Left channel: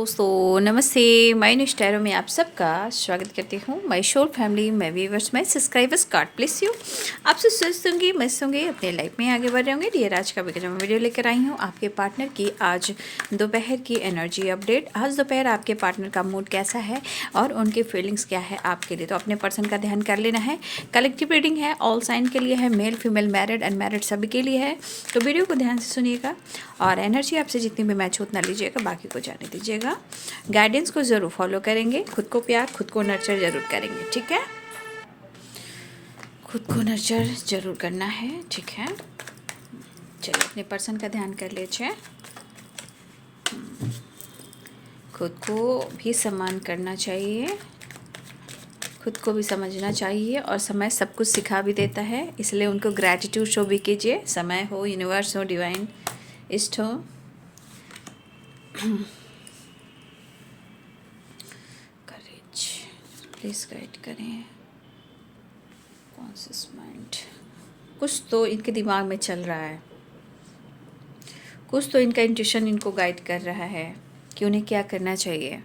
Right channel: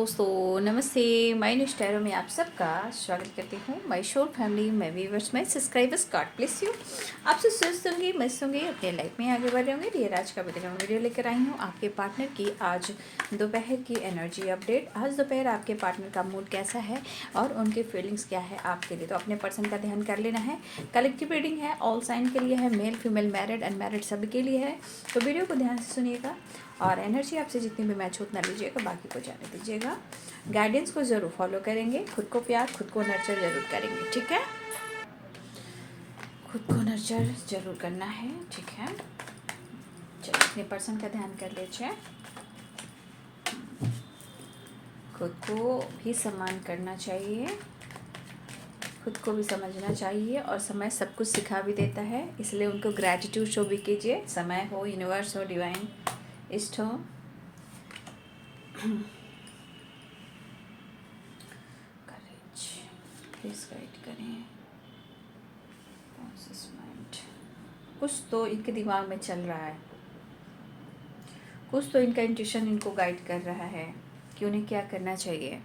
दोस्तों, नमस्ते। मैं निष्ठैरों में आप सबका स्वागत करती हूँ। माई शोर फैमिली, मैं viewers, my subscribers, God bless you. आपसे स्वस्थ होंगी, मस्त होंगे, अपने लाइफ में आगे बढ़ रहे होंगे। डियर, आज का वीडियो लेकर आई हूँ आपके पार्टनर की आज दोपहर की एनर्जी अपडेट। आज दोपहर आपके पार्टनर का मूड कैसा है और उनकी फीलिंग्स क्या है आपके लिए, तो अपने पर्सन का ध्यान कर लेना है। कलेक्टिव रीडिंग है, ऑल साइन के लिए है, मेल फीमेल मैरिड अनमैरिड सभी के लिए है। तो वीडियो को ध्यान से सुनिएगा और एनर्जी आपसे जितनी भी मैच उतना लीजिएगा, बाकी को जाने दीजिएगा। गाइडेंस को ज़रूर फॉलो करेंगे, खुद को प्यार, खुद को नर्चर ज़रूर करेंगे, ठीक है। खुद को नर्चर ज़रूर करना है, ठीक है। चलिए अपने पर्सन का ध्यान कर लीजिए। खुद को भी सम्मान करना चाहिए, खुद को भी समझना चाहिए और समय सब कुछ सिखा भी देता है, इसलिए उनको ग्रैटिट्यूड शो भी कीजिए। समय हो, यूनिवर्स हो, डिवाइन इष्ट हो। करेज प्लीज गाइड करें। कॉन्शियस माइंड, कुछ तो इनके दिमाग में चल रहा है, कुछ तो इनका इंट्यूशन इनको गाइड कर रहा है कि उन्हें क्या करना चाहिए।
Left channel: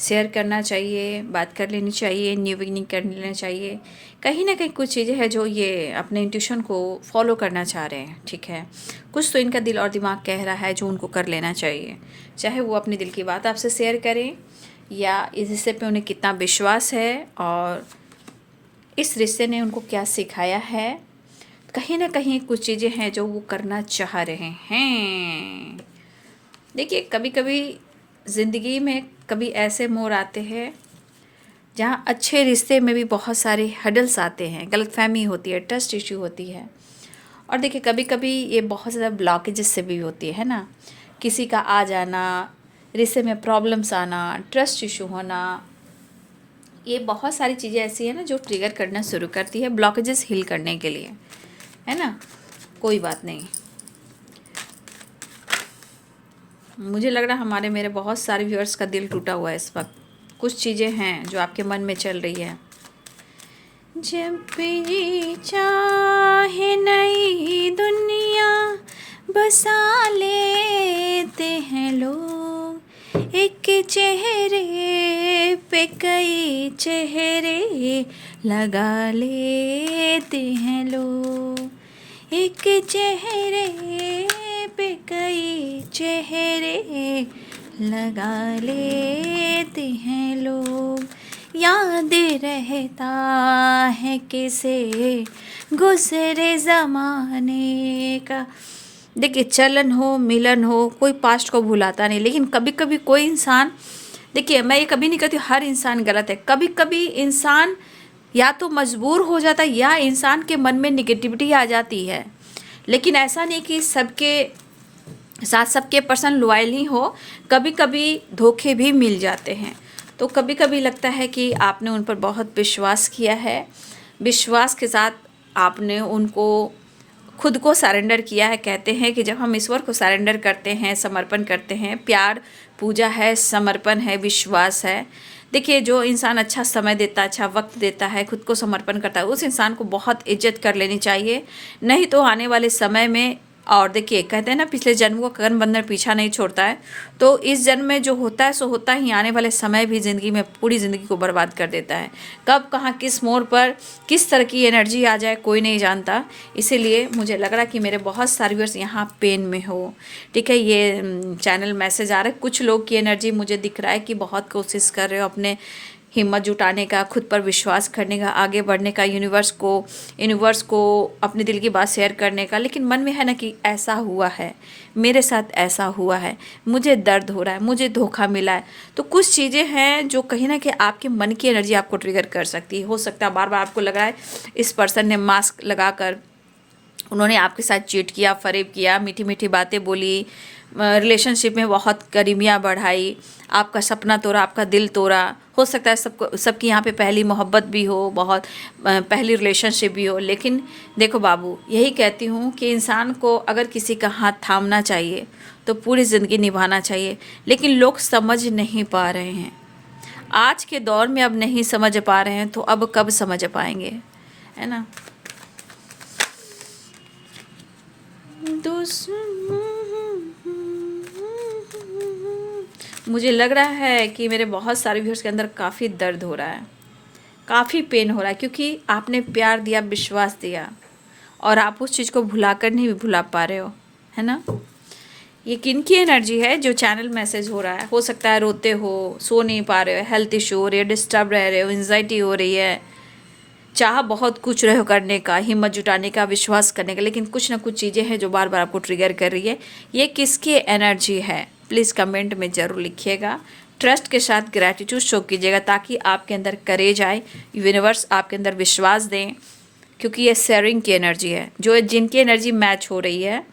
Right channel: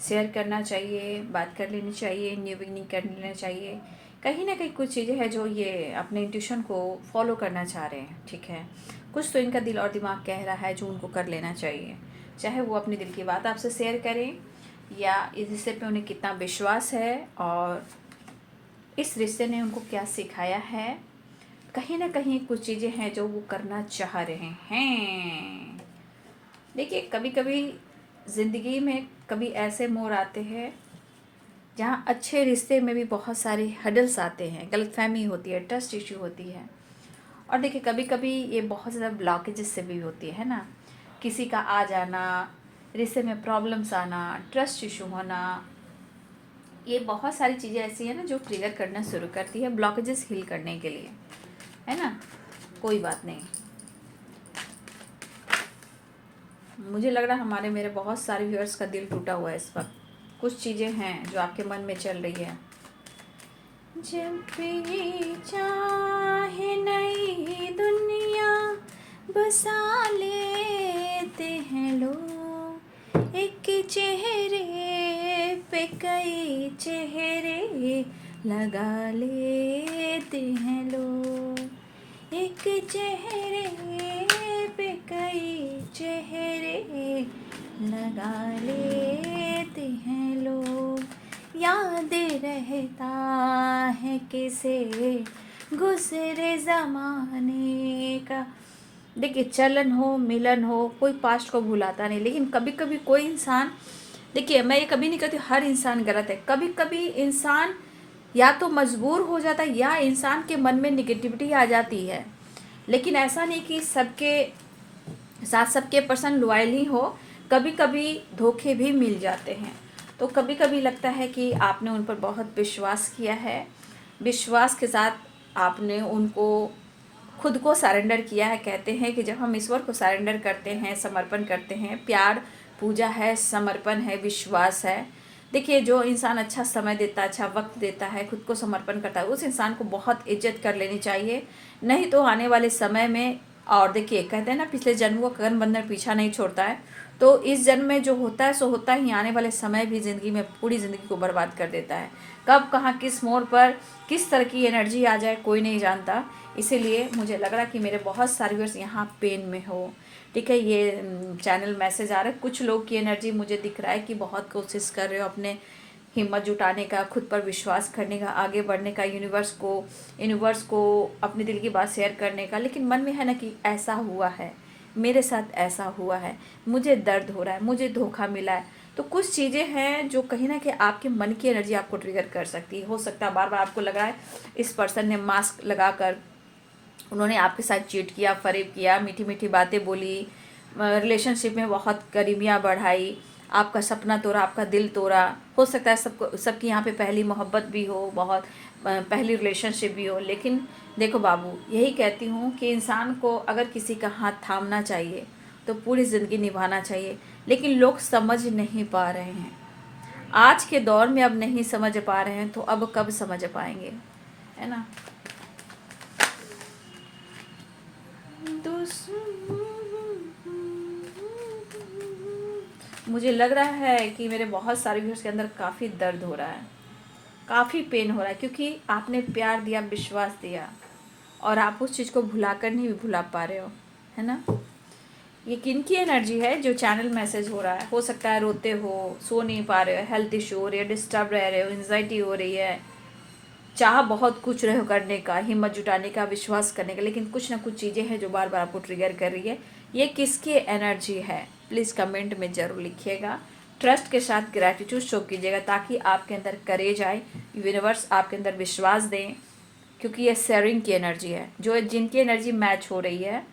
शेयर करना चाहिए, बात कर लेनी चाहिए, न्यू बिगनिंग कर लेना चाहिए। कहीं ना कहीं कुछ चीज़ें हैं जो ये अपने इंट्यूशन को फॉलो करना चाह रहे हैं, ठीक है। कुछ तो इनका दिल और दिमाग कह रहा है जो उनको कर लेना चाहिए, चाहे वो अपने दिल की बात आपसे शेयर करें या इस रिश्ते पे उन्हें कितना विश्वास है और इस रिश्ते ने उनको क्या सिखाया है। कहीं ना कहीं कुछ चीज़ें हैं जो वो करना चाह रहे हैं। देखिए, कभी कभी ज़िंदगी में कभी ऐसे मोड़ आते हैं जहाँ अच्छे रिश्ते में भी बहुत सारे हडल्स आते हैं, गलतफहमी होती है, ट्रस्ट इश्यू होती है। और देखिए, कभी कभी ये बहुत ज़्यादा ब्लॉकेजेस से भी होती है ना। किसी का आ जाना, रिश्ते में प्रॉब्लम्स आना, ट्रस्ट इशू होना, ये बहुत सारी चीज़ें ऐसी हैं ना जो ट्रिगर करना शुरू करती है ब्लॉकेजेस हील करने के लिए, है ना। कोई बात नहीं, मुझे लग रहा है हमारे मेरे बहुत सारे व्यूअर्स का दिल टूटा हुआ है इस वक्त। कुछ चीज़ें हैं जो आपके मन में चल रही है। जब ये चाहे नई दुनिया बसा लेते हैं लोग, एक चेहरे पे कई चेहरे लगा लेते हैं लोग, एक चेहरे पे कई चेहरे लगा लेते हैं लोग। याद रहता है किसे गुज़रे ज़माने का। देखिए, चलन हो, मिलन हो, कोई पास्ट को भुलाता नहीं, लेकिन कभी कभी कोई इंसान, देखिए मैं ये कभी नहीं कहती हर इंसान गलत है, कभी कभी इंसान या तो मजबूर हो जाता है या इंसान के मन में निगेटिविटी आ जाती है। लेकिन ऐसा नहीं कि सबके साथ सबके पर्सन लॉयल ही हो, कभी कभी धोखे भी मिल जाते हैं। तो कभी कभी लगता है कि आपने उन पर बहुत विश्वास किया है, विश्वास के साथ आपने उनको खुद को सरेंडर किया है। कहते हैं कि जब हम ईश्वर को सरेंडर करते हैं, समर्पण करते हैं, प्यार पूजा है, समर्पण है, विश्वास है। देखिए, जो इंसान अच्छा समय देता है, अच्छा वक्त देता है, खुद को समर्पण करता है, उस इंसान को बहुत इज्जत कर लेनी चाहिए। नहीं तो आने वाले समय में, और देखिए कहते हैं ना, पिछले जन्म को कर्म बंधन पीछा नहीं छोड़ता है, तो इस जन्म में जो होता है सो होता ही, आने वाले समय भी ज़िंदगी में पूरी ज़िंदगी को बर्बाद कर देता है। कब कहाँ किस मोड़ पर किस तरह की एनर्जी आ जाए कोई नहीं जानता। इसीलिए मुझे लग रहा कि मेरे बहुत सारे व्यूअर्स यहाँ पेन में हो, ठीक है। ये चैनल मैसेज आ रहा है, कुछ लोग की एनर्जी मुझे दिख रहा है कि बहुत कोशिश कर रहे हो अपने हिम्मत जुटाने का, खुद पर विश्वास करने का, आगे बढ़ने का, यूनिवर्स को अपने दिल की बात शेयर करने का, लेकिन मन में है ना कि ऐसा हुआ है, मेरे साथ ऐसा हुआ है, मुझे दर्द हो रहा है, मुझे धोखा मिला है। तो कुछ चीज़ें हैं जो कहीं ना कहीं आपके मन की एनर्जी आपको ट्रिगर कर सकती है। हो सकता है बार बार आपको लग रहा है इस पर्सन ने मास्क लगाकर उन्होंने आपके साथ चीट किया, फरेब किया, मीठी मीठी बातें बोली, रिलेशनशिप में बहुत करीबियाँ बढ़ाई, आपका सपना तोड़ा, आपका दिल तोड़ा। हो सकता है सबकी यहाँ पे पहली मोहब्बत भी हो, बहुत पहली रिलेशनशिप भी हो। लेकिन देखो बाबू, यही कहती हूँ कि इंसान को अगर किसी का हाथ थामना चाहिए तो पूरी ज़िंदगी निभाना चाहिए, लेकिन लोग समझ नहीं पा रहे हैं। आज के दौर में अब नहीं समझ पा रहे हैं तो अब कब समझ पाएंगे, है ना। मुझे लग रहा है कि मेरे बहुत सारे व्यूअर्स के अंदर काफ़ी दर्द हो रहा है, काफ़ी पेन हो रहा है, क्योंकि आपने प्यार दिया, विश्वास दिया, और आप उस चीज़ को भुला कर नहीं भुला पा रहे है ना। ये किनकी एनर्जी है जो चैनल मैसेज हो रहा है? हो सकता है रोते हो, सो नहीं पा रहे हो, हेल्थ इशू हो रही है, डिस्टर्ब रह रहे हो, एंजाइटी हो रही है, चाह बहुत कुछ रहे हो करने का, हिम्मत जुटाने का, विश्वास करने का, लेकिन कुछ ना कुछ चीज़ें हैं जो बार बार आपको ट्रिगर कर रही है। ये किसकी एनर्जी है? प्लीज़ कमेंट में ज़रूर लिखिएगा। ट्रस्ट के साथ ग्रैटिट्यूड शो कीजिएगा ताकि आपके अंदर करेज आए, यूनिवर्स आपके अंदर विश्वास दें, क्योंकि ये शेयरिंग की एनर्जी है। जो जिनकी एनर्जी मैच हो रही है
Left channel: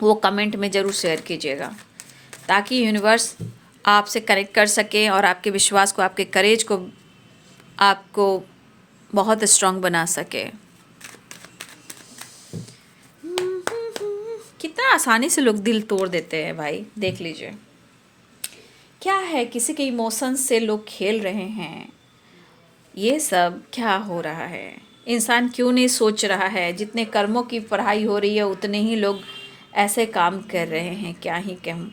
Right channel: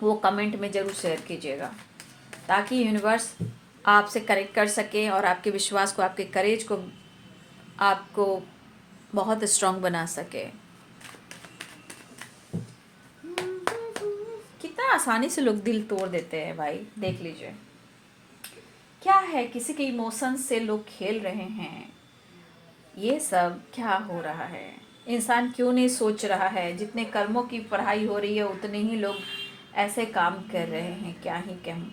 वो कमेंट में ज़रूर शेयर कीजिएगा ताकि यूनिवर्स आपसे कनेक्ट कर सके और आपके विश्वास को, आपके करेज को आपको बहुत स्ट्रांग बना सके। कितना आसानी से लोग दिल तोड़ देते हैं भाई, देख लीजिए क्या है, किसी के इमोशंस से लोग खेल रहे हैं। ये सब क्या हो रहा है? इंसान क्यों नहीं सोच रहा है? जितने कर्मों की पढ़ाई हो रही है उतने ही लोग ऐसे काम कर रहे हैं। क्या ही कहूँ,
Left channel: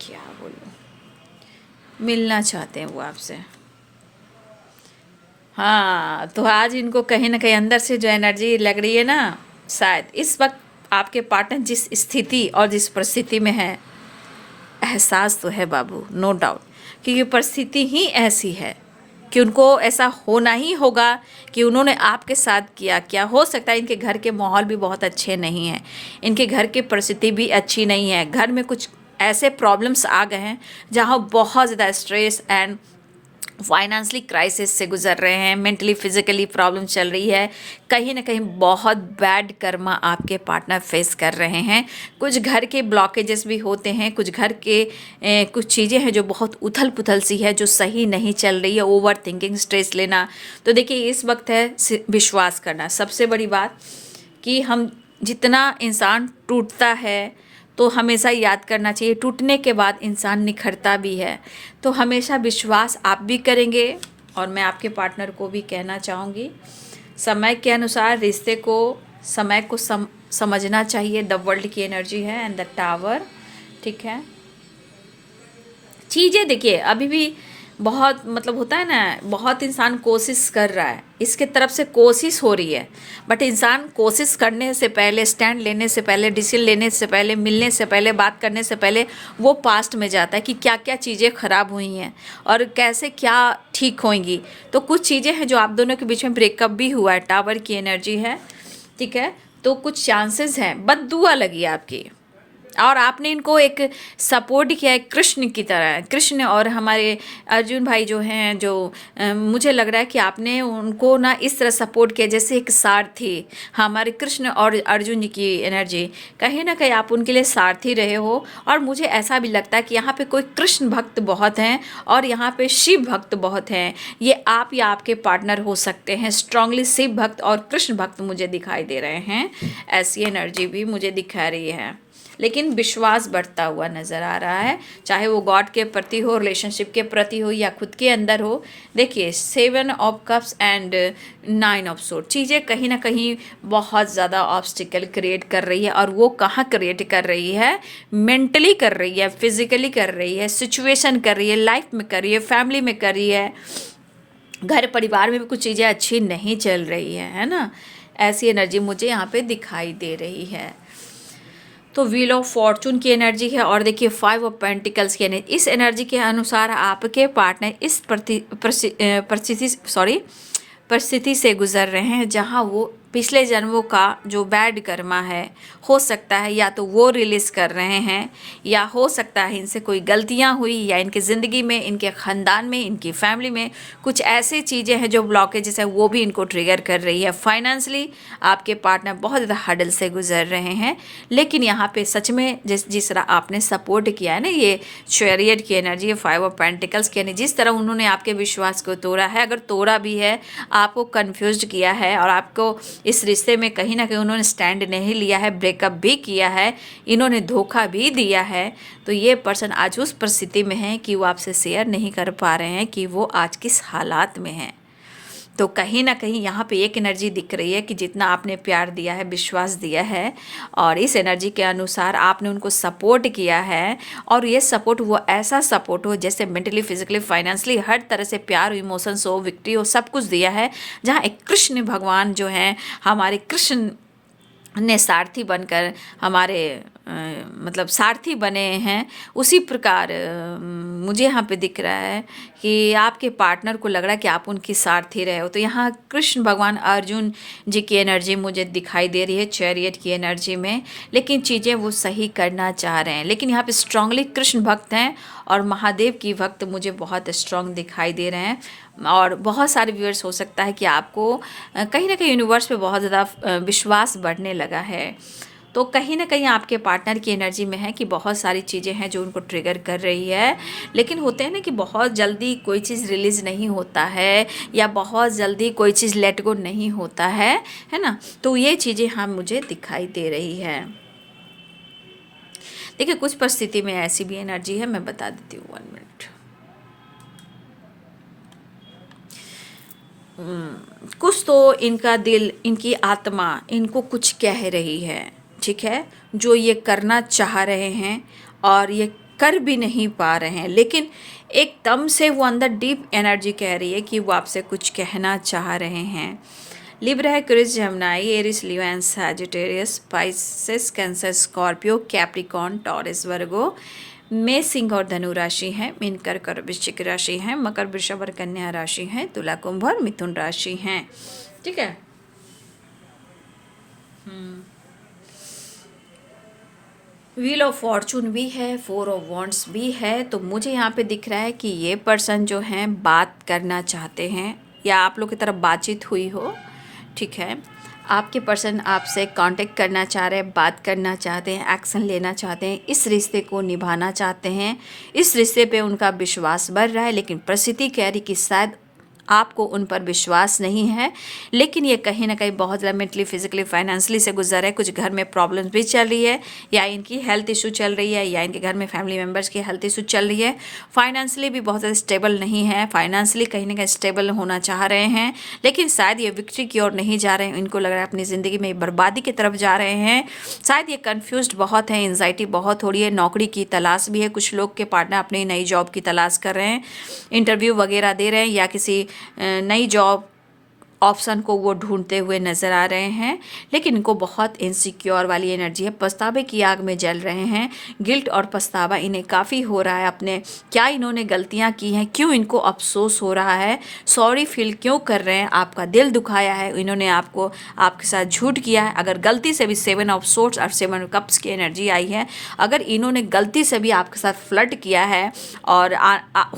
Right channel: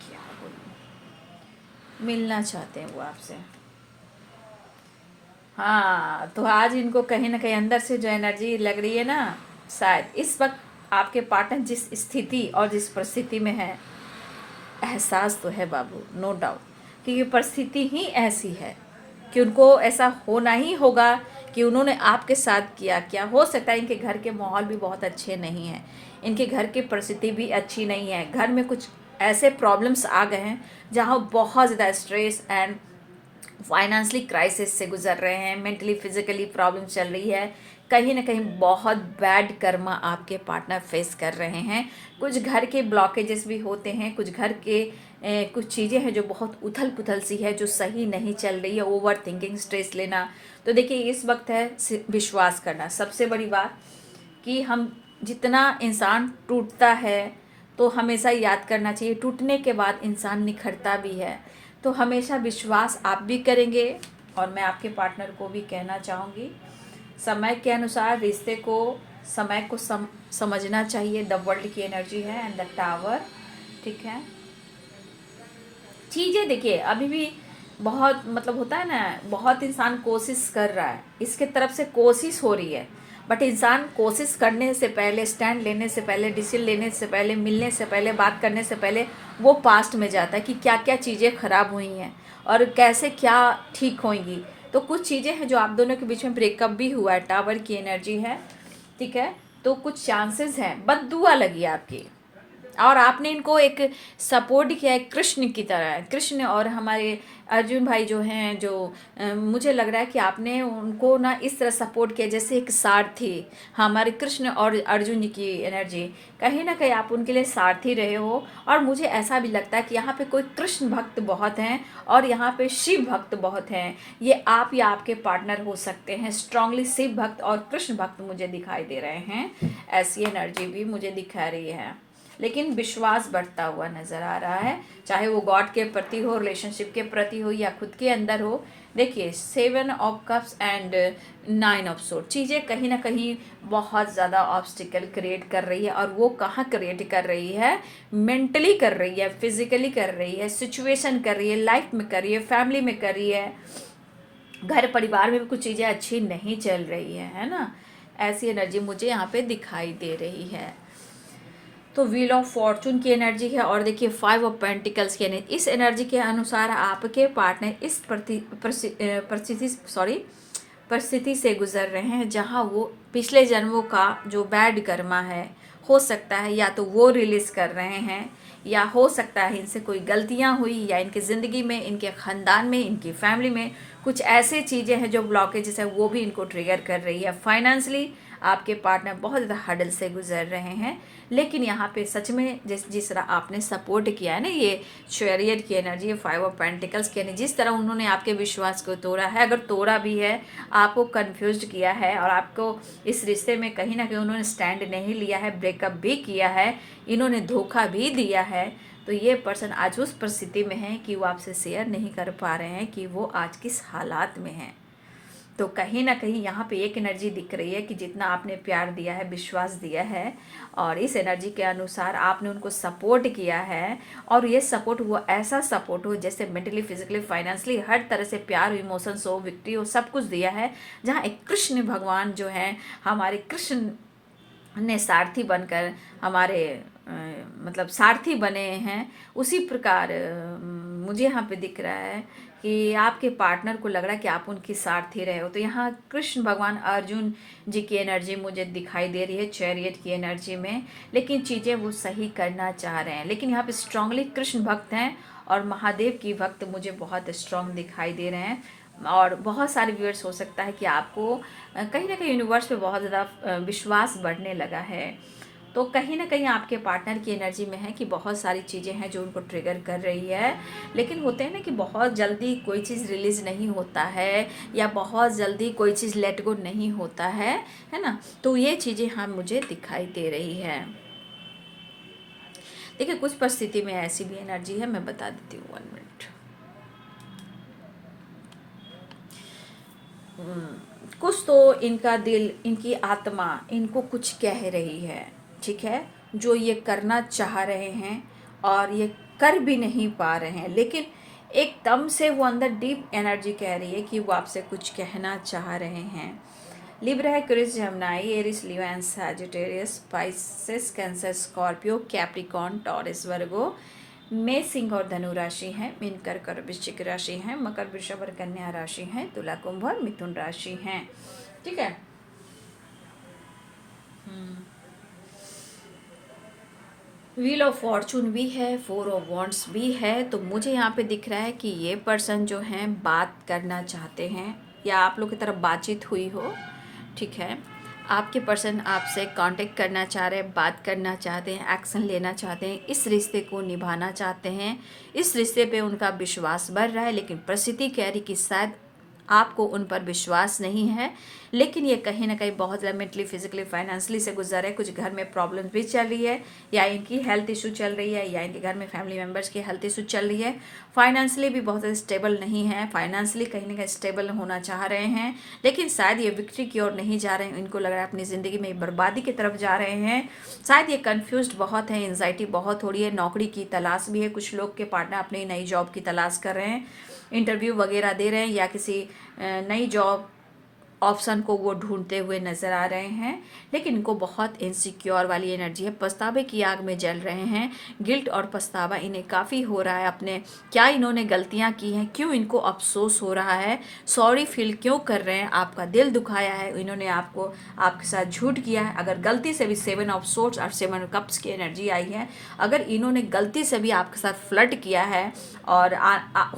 क्या बोलूँ, मिलना चाहते हैं वो आपसे। हाँ, तो आज इनको कहीं ना कहीं अंदर से जो एनर्जी लग रही है ना, शायद इस वक्त आपके पार्टनर जिस स्थिति और जिस परिस्थिति में है, एहसास तो है बाबू, नो डाउट, क्योंकि परिस्थिति ही ऐसी है कि उनको ऐसा होना ही होगा कि उन्होंने आपके साथ किया। क्या हो सकता है इनके घर के माहौल भी बहुत अच्छे नहीं हैं, इनके घर की परिस्थिति भी अच्छी नहीं है, घर में कुछ ऐसे प्रॉब्लम्स आ गए हैं जहाँ बहुत ज़्यादा स्ट्रेस एंड फाइनेंशियली क्राइसिस से गुजर रहे हैं, मेंटली फिजिकली प्रॉब्लम चल रही है, कहीं ना कहीं बहुत बैड कर्मा आपके पार्टनर फेस कर रहे हैं। कुछ घर के ब्लॉकेजेस भी होते हैं, कुछ घर के कुछ चीज़ें हैं जो बहुत उथल पुथल सी है, जो सही नहीं चल रही है, ओवर थिंकिंग, स्ट्रेस लेना। तो देखिए इस वक्त है विश्वास करना। सबसे बड़ी बात कि हम जितना इंसान टूटता है तो हमेशा याद करना चाहिए टूटने के बाद इंसान निखरता भी है। तो हमेशा विश्वास आप भी करेंगे, और मैं आपके पार्टनर को भी कहना चाहूँगी समय के अनुसार रिश्ते को, समय को समझना चाहिए। द वर्ल्ड की एनर्जी है एंड द टावर, ठीक है। चीज़ें देखिए अभी भी बहुत मतलब होता है ना, बहुत इंसान कोशिश कर रहा है, इसके तरफ से कोशिश हो रही है, बट इंसान कोशिश करने से पहले, स्टैंड लेने से पहले, डिसीजन लेने से पहले, मिलने से पहले, बात करने से पहले वो पास्ट में जाता है कि क्या क्या चीज़ें ख़राब हुई हैं और कैसे क्या ठीक होंगी। तो कुछ चीज़ें हैं जो आप दोनों के बीच में ब्रेकअप भी हुआ है, टावर की एनर्जी है, ठीक है। तो कुछ चांसेस हैं, बद्दुआ लगी आपकी, और आपने इनको एक सपोर्ट किया है कृष्ण की तरह। कृष्ण और हमारे अर्जुन भाई जो हैं, जो मुझे लग रहा है कि आपने उनको ना इस तरह सपोर्ट किया जैसे एक सारथी। हमारे कृष्ण और अर्जुन जी की एनर्जी, कहीं ना कहीं आप उनके लिए सारथी रहे हो। और मुझे ऐसा भी लगता है कि यहाँ पे कोई कृष्ण भक्त बहुत हैं और यहाँ पे शिव भक्त बहुत हैं। ये आप या आपके पार्टनर हो सकते हैं। स्ट्रांगली शिव भक्त और कृष्ण भक्त मुझे दिखाई दे रहे हैं, ऐसी एनर्जी भी मुझे दिखा रही है। लेकिन विश्वास बढ़ता हुआ नज़र आ रहा है, चाहे वो गॉड के प्रति हो, रिलेशनशिप के प्रति हो, या खुद के अंदर हो। देखिए 7 of cups and 9 of sword, चीज़ें कहीं ना कहीं बहुत ज़्यादा ऑब्स्टिकल क्रिएट कर रही है। और वो कहाँ क्रिएट कर रही है? मेंटली कर रही है, फिजिकली कर रही है, सिचुएशन कर रही है, लाइफ में कर रही है, फैमिली में कर रही है, घर परिवार में भी कुछ चीज़ें अच्छी नहीं चल रही है ना। ऐसी एनर्जी मुझे यहाँ पे दिखाई दे रही है। तो व्हील ऑफ फॉर्चून की एनर्जी है, और देखिए 5 ऑफ पेंटिकल्स की एनर्जी। इस एनर्जी के अनुसार आपके पार्टनर इस परिस्थिति से गुजर रहे हैं जहां वो पिछले जन्मों का जो बैड कर्मा है, हो सकता है या तो वो रिलीज़ कर रहे हैं, या हो सकता है इनसे कोई गलतियां हुई, या इनकी ज़िंदगी में, इनके ख़ानदान में, इनकी फैमिली में कुछ ऐसी चीज़ें हैं जो ब्लॉकेजेस है, वो भी इनको ट्रिगर कर रही है। फाइनेंशियली आपके पार्टनर बहुत ज़्यादा हडल से गुजर रहे हैं। लेकिन यहाँ पे सच में जिस तरह आपने सपोर्ट किया है ना, ये चैरियट की एनर्जी, 5 ऑफ पेंटिकल्स की एनर्जी, जिस तरह उन्होंने आपके विश्वास को तोड़ा है, अगर तोड़ा भी है, आपको कन्फ्यूज किया है, और आपको इस रिश्ते में कहीं ना कहीं उन्होंने स्टैंड नहीं लिया है, ब्रेकअप भी किया है, इन्होंने धोखा भी दिया है, तो ये पर्सन आज उस परिस्थिति में है कि वो आपसे शेयर नहीं कर पा रहे हैं कि वो आज किस हालात में हैं। तो कहीं ना कहीं यहाँ पे एक एनर्जी दिख रही है कि जितना आपने प्यार दिया है, विश्वास दिया है, और इस एनर्जी के अनुसार आपने उनको सपोर्ट किया है, और ये सपोर्ट वो ऐसा सपोर्ट हो जैसे मेंटली, फिजिकली, फाइनेंशियली हर तरह से प्यार, इमोशंस हो, विक्ट्री हो, सब कुछ दिया है। जहाँ एक कृष्ण भगवान जो हैं, हमारे कृष्ण ने सारथी बनकर हमारे मतलब सारथी बने हैं, उसी प्रकार मुझे यहाँ पे दिख रहा है कि आपके पार्टनर को लग रहा है कि आप उनकी सारथी रहे हो। तो यहाँ कृष्ण भगवान अर्जुन जी की एनर्जी मुझे दिखाई दे रही है, चैरियट की एनर्जी में, लेकिन चीज़ें वो सही करना चाह रहे हैं, लेकिन यहाँ पे स्ट्रांगली कृष्ण भक्त हैं और महादेव की भक्त मुझे बहुत स्ट्रांग दिखाई दे रहे हैं। और बहुत सारे व्यूअर्स हो सकता है कि आपको कहीं ना कहीं यूनिवर्स पे बहुत ज़्यादा विश्वास बढ़ने लगा है। तो कहीं ना कहीं आपके पार्टनर की एनर्जी में है कि बहुत सारी चीज़ें हैं जो उनको ट्रिगर कर रही है, लेकिन होते हैं ना कि बहुत जल्दी कोई चीज़ रिलीज़ नहीं होता है, या बहुत जल्दी कोई चीज़ लेट गो नहीं होता है ना। तो ये चीज़ें हम मुझे दिखाई दे रही है। देखिए कुछ परिस्थिति में ऐसी भी एनर्जी है, मैं बता देती हूँ, 1 मिनट। कुछ तो इनका दिल, इनकी आत्मा इनको कुछ कह रही है, ठीक है, जो ये करना चाह रहे हैं और ये कर भी नहीं पा रहे हैं, लेकिन एकदम से वो अंदर डीप एनर्जी कह रही है कि वो आपसे कुछ कहना चाह रहे हैं। लिब्रा है, क्रिस, Gemini, Aries, Leo and Sagittarius, Pisces, Cancer, Scorpio, Capricorn, Taurus, Virgo, मेष, सिंह और धनु राशि हैं, मीन, कर्क और वृश्चिक राशि हैं, मकर, वृषभ और कन्या राशि हैं, तुला, कुंभ और मिथुन राशि हैं, ठीक है। व्हील ऑफ फॉर्चून भी है, 4 ऑफ वॉन्ड्स भी है। तो मुझे यहाँ पे दिख रहा है कि ये पर्सन जो हैं बात करना चाहते हैं, या आप लोग की तरफ बातचीत हुई हो, ठीक है, आपके पर्सन आपसे कांटेक्ट करना चाह रहे हैं, बात करना चाहते हैं, एक्शन लेना चाहते हैं, इस रिश्ते को निभाना चाहते हैं, इस रिश्ते पे उनका विश्वास बढ़ रहा है, लेकिन परिस्थिति कह रही कि शायद आपको उन पर विश्वास नहीं है, लेकिन ये कहीं ना कहीं बहुत ज़्यादा मेंटली, फिजिकली, फाइनेंशियली से गुजर है। कुछ घर में प्रॉब्लम्स भी चल रही है, या इनकी हेल्थ इशू चल रही है, या इनके घर में फैमिली मेम्बर्स की हेल्थ इशू चल रही है। फाइनेंशियली भी बहुत ज़्यादा स्टेबल नहीं है, फाइनेंशियली कहीं ना कहीं स्टेबल होना चाह रहे हैं, लेकिन शायद ये विक्ट्री की ओर नहीं जा रहे हैं, इनको लग रहा है अपनी ज़िंदगी में बर्बादी की तरफ जा रहे हैं। शायद ये कन्फ्यूज्ड बहुत है, एंजाइटी बहुत हो रही है, नौकरी की तलाश भी है, कुछ लोग के पार्टनर अपनी नई जॉब की तलाश कर रहे हैं, इंटरव्यू वगैरह दे रहे हैं, या किसी नई जॉब ऑप्शन को वो ढूंढते हुए नज़र आ रहे हैं, लेकिन इनको बहुत इनसिक्योर वाली एनर्जी है, पछतावे की आग में जल रहे हैं। गिल्ट और पछतावा इन्हें काफ़ी हो रहा है, अपने क्या इन्होंने गलतियां की हैं, क्यों इनको अफसोस हो रहा है, सॉरी फील क्यों कर रहे हैं, आपका दिल दुखाया है, इन्होंने आपको, आपके साथ झूठ किया है। अगर गलती से भी 7 ऑफ सोर्ड्स और 7 ऑफ कप्स की एनर्जी आई है, अगर इन्होंने गलती से भी आपके साथ फ्लर्ट किया है, और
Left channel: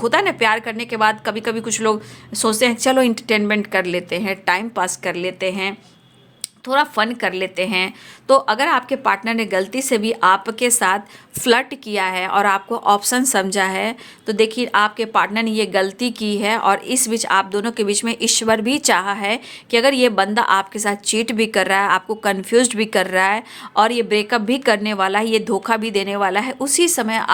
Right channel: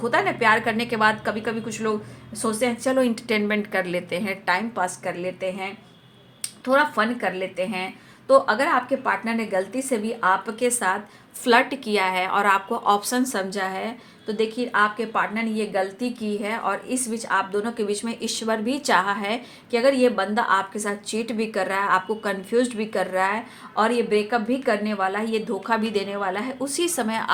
होता है ना प्यार करने के बाद कभी कभी कुछ लोग सोचते हैं चलो इंटरटेनमेंट कर लेते हैं, टाइम पास कर लेते हैं, थोड़ा फन कर लेते हैं। तो अगर आपके पार्टनर ने गलती से भी आपके साथ फ्लर्ट किया है और आपको ऑप्शन समझा है, तो देखिए आपके पार्टनर ने ये गलती की है, और इस बीच आप दोनों के बीच में ईश्वर भी चाहा है कि अगर ये बंदा आपके साथ चीट भी कर रहा है, आपको कंफ्यूज्ड भी कर रहा है, और ये ब्रेकअप भी करने वाला है, ये धोखा भी देने वाला है, उसी समय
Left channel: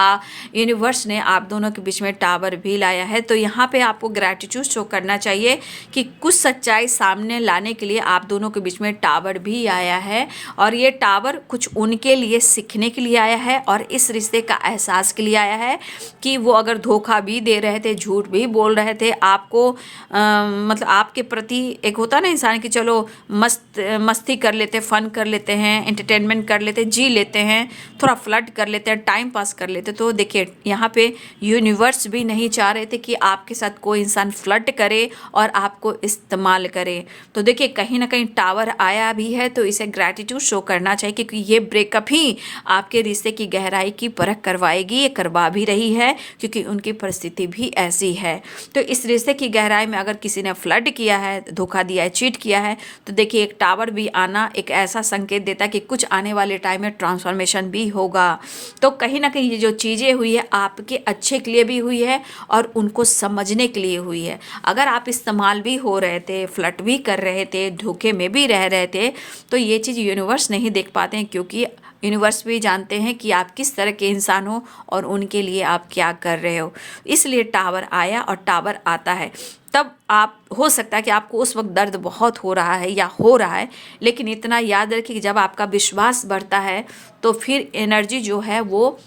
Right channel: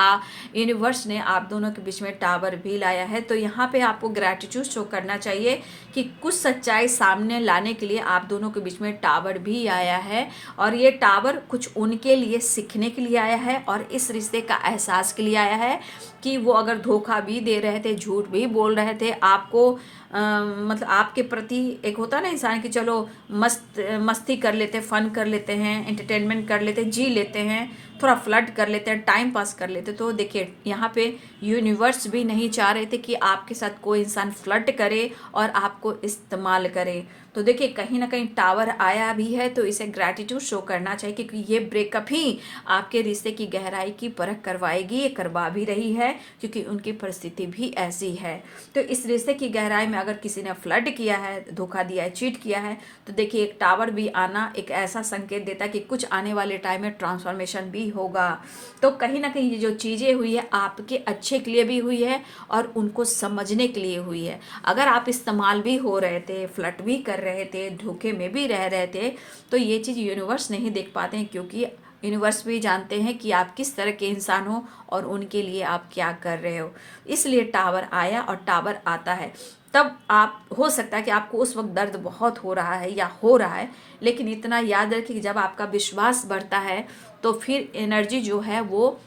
यूनिवर्स ने आप दोनों के बीच में टावर भी लाया है। तो यहाँ पे आपको ग्रैटिट्यूड शो करना चाहिए कि कुछ सच्चाई सामने लाने के लिए आप दोनों के बीच में टावर भी आया है, और ये टावर कुछ उनके लिए सीखने के लिए आया है, और इस रिश्ते का एहसास के लिए आया है कि वो अगर धोखा भी दे रहे थे, झूठ भी बोल रहे थे आपको, मतलब आपके प्रति, एक होता ना इंसान कि चलो मस्ती कर लेते, फन कर लेते हैं, एंटरटेनमेंट कर लेते, जी लेते हैं, थोड़ा फ्लर्ट कर लेते हैं, टाइम पास कर लेते। तो देखिए यहाँ पे यूनिवर्स भी नहीं चाह रहे थे कि आपके साथ कोई इंसान फ्लर्ट करे और आपको इस्तेमाल करे। तो देखिए कहीं ना कहीं टावर आया भी है, तो इसे ग्रैटिट्यूड शो करना चाहिए, क्योंकि ये ब्रेकअप ही आपके रिश्ते की गहराई की परख करवाएगी, ये करवा भी रही है, क्योंकि उनकी परिस्थिति भी ऐसी है। तो इस रिश्ते की गहराई में अगर किसी ने फ्लर्ट किया है, धोखा दिया है, चीट किया है, तो देखिए एक टावर भी आना एक ऐसा संकेत देता है कि कुछ आने वाले टाइम में ट्रांसफॉर्मेशन भी होगा। तो कहीं ना कहीं ये जो चीज़ें हुई है आपके अच्छे के लिए भी हुई है, और उनको समझने के लिए हुई है। अगर आप इस्तेमाल भी हो रहे थे, फ्लर्ट भी कर रहे थे, धोखे में भी रह रहे थे, तो ये चीज़ यूनिवर्स नहीं देख पाते हैं, क्योंकि यूनिवर्स भी जानते हैं कि आप किस तरह के इंसान हो और उनके लिए आप क्या कर रहे हो। इसलिए टावर आया और टावर आता है। तब आप हो सकता है कि आपको उस वक्त दर्द बहुत हो रहा है या हो रहा है, लेकिन इतना याद रखिए कि जब आपका विश्वास बढ़ता है तो फिर एनर्जी जो है वो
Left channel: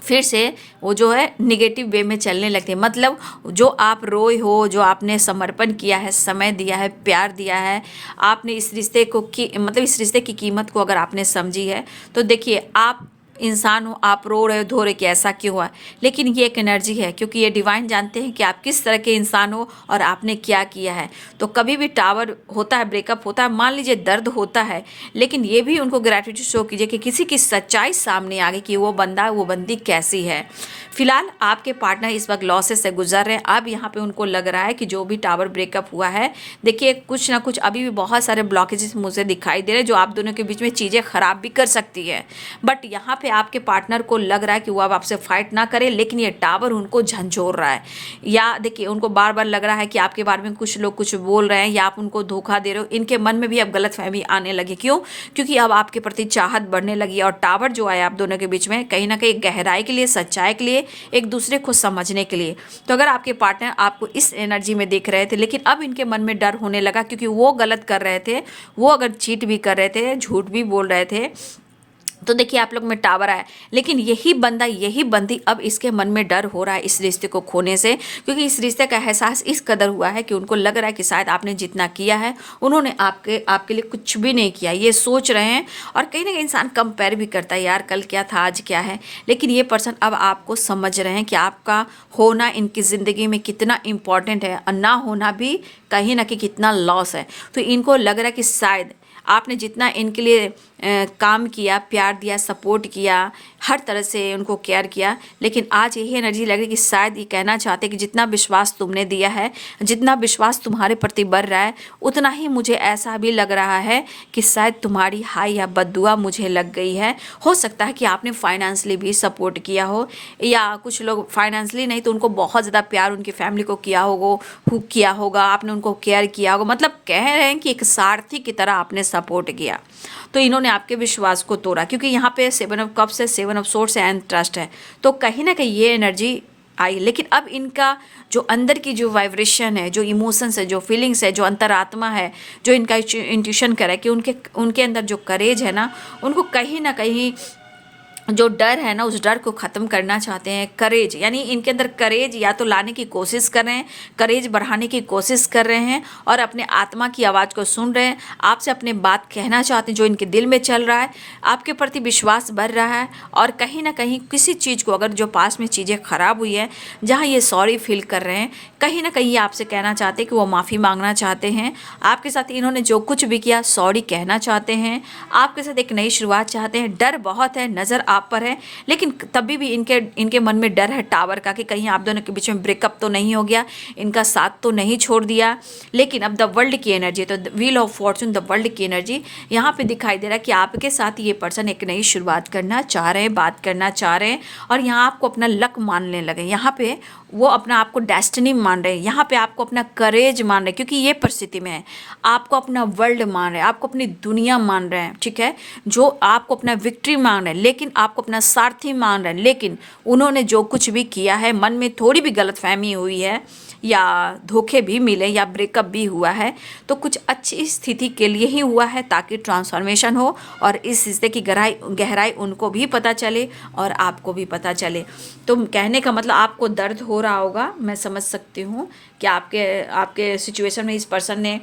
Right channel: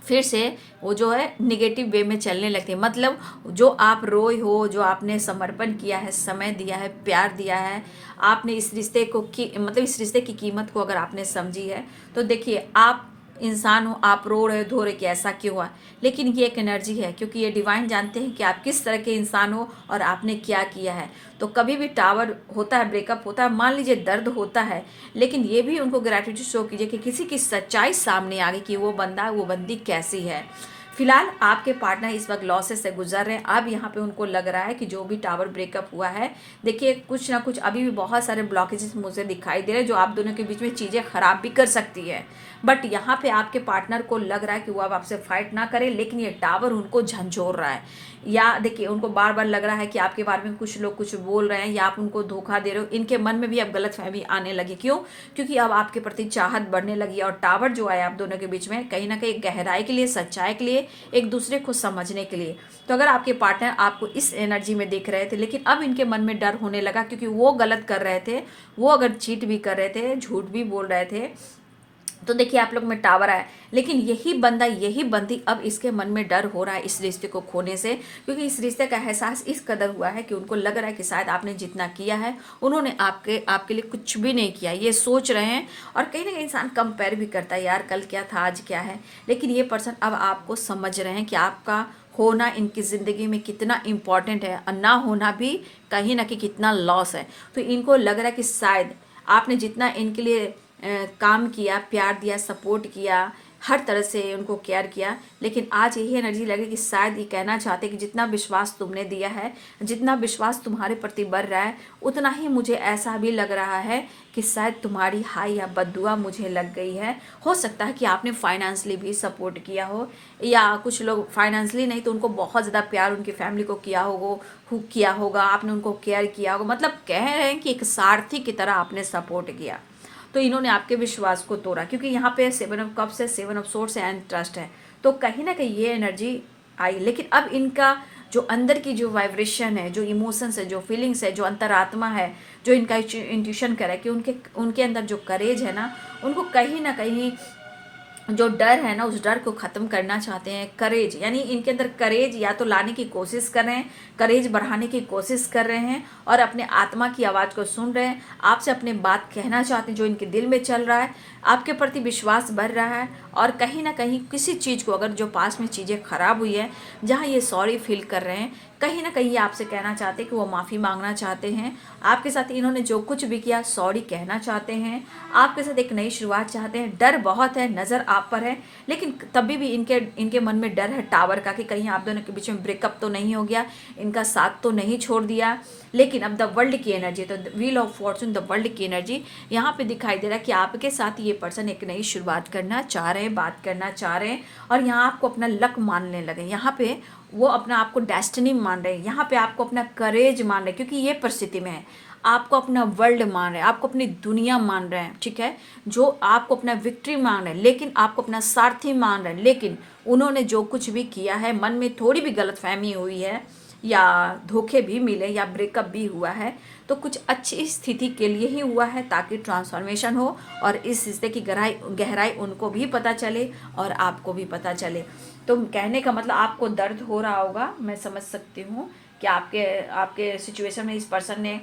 फिर से वो जो है निगेटिव वे में चलने लगती है। मतलब जो आप रोए हो, जो आपने समर्पण किया है, समय दिया है, प्यार दिया है, आपने इस रिश्ते को मतलब इस रिश्ते की कीमत को अगर आपने समझी है, तो देखिए आप इंसान हो, आप रो रहे हो, धो रहे कि ऐसा क्यों हुआ, लेकिन ये एक एनर्जी है, क्योंकि ये डिवाइन जानते हैं कि आप किस तरह के इंसान हो और आपने क्या किया है। तो कभी भी टावर होता है, ब्रेकअप होता है, मान लीजिए दर्द होता है, लेकिन ये भी उनको ग्रैटिट्यूड शो कीजिए कि किसी की सच्चाई सामने आ गई कि वो बंदा, वो बंदी कैसी है। फिलहाल आपके पार्टनर इस वक्त लॉसेस से गुजर रहे हैं। अब यहाँ पे उनको लग रहा है कि जो भी टावर ब्रेकअप हुआ है, देखिए कुछ ना कुछ अभी भी बहुत सारे ब्लॉकेजेस मुझे दिखाई दे रहे हैं जो आप दोनों के बीच में चीज़ें खराब भी कर सकती है। बट यहाँ पे आपके पार्टनर को लग रहा है कि वो अब आपसे फाइट ना करे, लेकिन ये टावर उनको झंझोर रहा है। या देखिए उनको बार बार लग रहा है कि आपके बारे में कुछ लोग कुछ बोल रहे हैं या आप उनको धोखा दे रहे हो। इनके मन में भी अब गलतफहमी आने लगी। क्यों? क्योंकि अब आपके प्रति चाहत बढ़ने लगी और टावर जो है आप दोनों के बीच में कहीं ना कहीं गहराई के लिए, सच्चाई के लिए, एक दूसरे को समझने के लिए। तो अगर आपके पार्टनर आपको इस एनर्जी में देख रहे थे, लेकिन अब इनके मन में डर होने लगा, क्योंकि वो गलत कर रहे थे, वो अगर चीट भी कर रहे थे, झूठ भी बोल रहे थे, तो देखिए आप लोग में टावर आया, लेकिन यही बंदा, यही बंदी, अब इसके मन में डर हो रहा है इस रिश्ते को खोने से, क्योंकि इस रिश्ते का एहसास इस कदर हुआ है कि उनको लग रहा है कि शायद आपने जितना किया है उन्होंने आपके लिए कुछ भी नहीं किया, ये सोच रहे हैं। और कहीं ना कहीं इंसान कंपेयर भी करता है, यार कल क्या था, आज क्या है। लेकिन ये पर्सन अब आपको समझ रहे हैं कि आपका होना इनकी ज़िंदगी में कितना इम्पॉर्टेंट है और ना होना भी कहीं ना कहीं कितना लॉस है। तो इनको लग रहा है कि शायद आपने जितना इनके लिए काम किया, प्यार दिया, सपोर्ट किया, हर तरह से उनको केयर किया, लेकिन आज यही एनर्जी लग रही कि शायद ये कहना चाहते कि जितना विश्वास तुमने दिया है, जितना विश्वास तुम्हारे प्रति बढ़ रहा है, उतना ही मुझे ऐसा भी लग रहा है कि शायद तुम्हारी हाई या बद्दुआ मुझे लग गई है। हो सकता है कि आपने फाइनेंशली भी सपोर्ट किया हो, या कुछ लोग फाइनेंशली नहीं तो उनको बहुत ज़्यादा प्यार उनकी फैमिली को किया होगा, आपने उनको केयर किया होगा। मतलब कह रहे हैं कि एक सारथी की तरह आपने सपोर्ट किया। तो इन्होंने आपके विश्वास को तोड़ा, क्योंकि यहाँ पे 7 ऑफ कप्स है, 7 ऑफ सोर्स है एंड ट्रस्ट है। तो कहीं ना कहीं ये एनर्जी आई, लेकिन अब इनका जो अंदर की जो वाइब्रेशन है, जो इमोशंस है, जो फीलिंग्स है, जो अंतरात्मा है, जो इनका इंट्यूशन करे कि उनके अंदर जो करेज है ना, उनको कहीं ना कहीं जो डर है ना, उस डर को ख़त्म करना चाहते हैं। करेज, यानी इनके अंदर करेज या तो लाने की कोशिश कर रहे हैं, करेज बढ़ाने की कोशिश कर रहे हैं और अपने आत्मा की आवाज़ को सुन रहे हैं। आपसे अपने बात कहना चाहते हैं जो इनके दिल में चल रहा है, आपके प्रति विश्वास बढ़ रहा है। और कहीं ना कहीं किसी चीज़ को, अगर जो पास में चीज़ें ख़राब हुई है, जहाँ ये सॉरी फील कर रहे हैं, कहीं ना कहीं ये आपसे कहना चाहते हैं कि वो माफ़ी मांगना चाहते हैं। आपके साथ इन्होंने जो कुछ भी किया, सॉरी कहना चाहते हैं, आपके साथ एक नई शुरुआत चाहते हैं। डर बहुत है, नज़र आप पर है, लेकिन तभी भी इनके मन में डर है टावर का कि कहीं आप दोनों के बीच में ब्रेकअप तो नहीं हो गया, इनका साथ तो नहीं छोड़ दिया। लेकिन अब द वर्ल्ड की एनर्जी, तो wheel of Fortune, the world की एनर्जी यहाँ पे दिखाई दे रहा है कि आपके साथ ये पर्सन एक नई शुरुआत करना चाह रहे हैं, बात करना चाह रहे हैं और यहाँ आपको अपना लक मानने लगे। यहाँ पे वो अपना आपको डेस्टिनी मान रहे हैं, यहाँ पे आपको अपना करेज मान रहे हैं, क्योंकि ये परिस्थिति में है। आपको अपना वर्ल्ड मान रहे हैं, आपको अपनी दुनिया मान रहे हैं, ठीक है, जो आपको अपना विक्ट्री मान रहे हैं, लेकिन आपको अपना सारथी मान रहे हैं। लेकिन उन्होंने जो कुछ भी किया है, मन में थोड़ी भी गलतफहमी हुई है या धोखे भी मिले या ब्रेकअप भी हुआ है, तो कुछ अच्छी स्थिति के लिए ही हुआ है, ताकि ट्रांसफॉर्मेशन हो और इस रिश्ते की गहराई उनको भी पता चले और आपको भी पता चले। तो कहने का मतलब आपको दर्द हो रहा होगा, मैं समझ सकती हूँ कि आपके सिचुएशन में इस पर्सन ने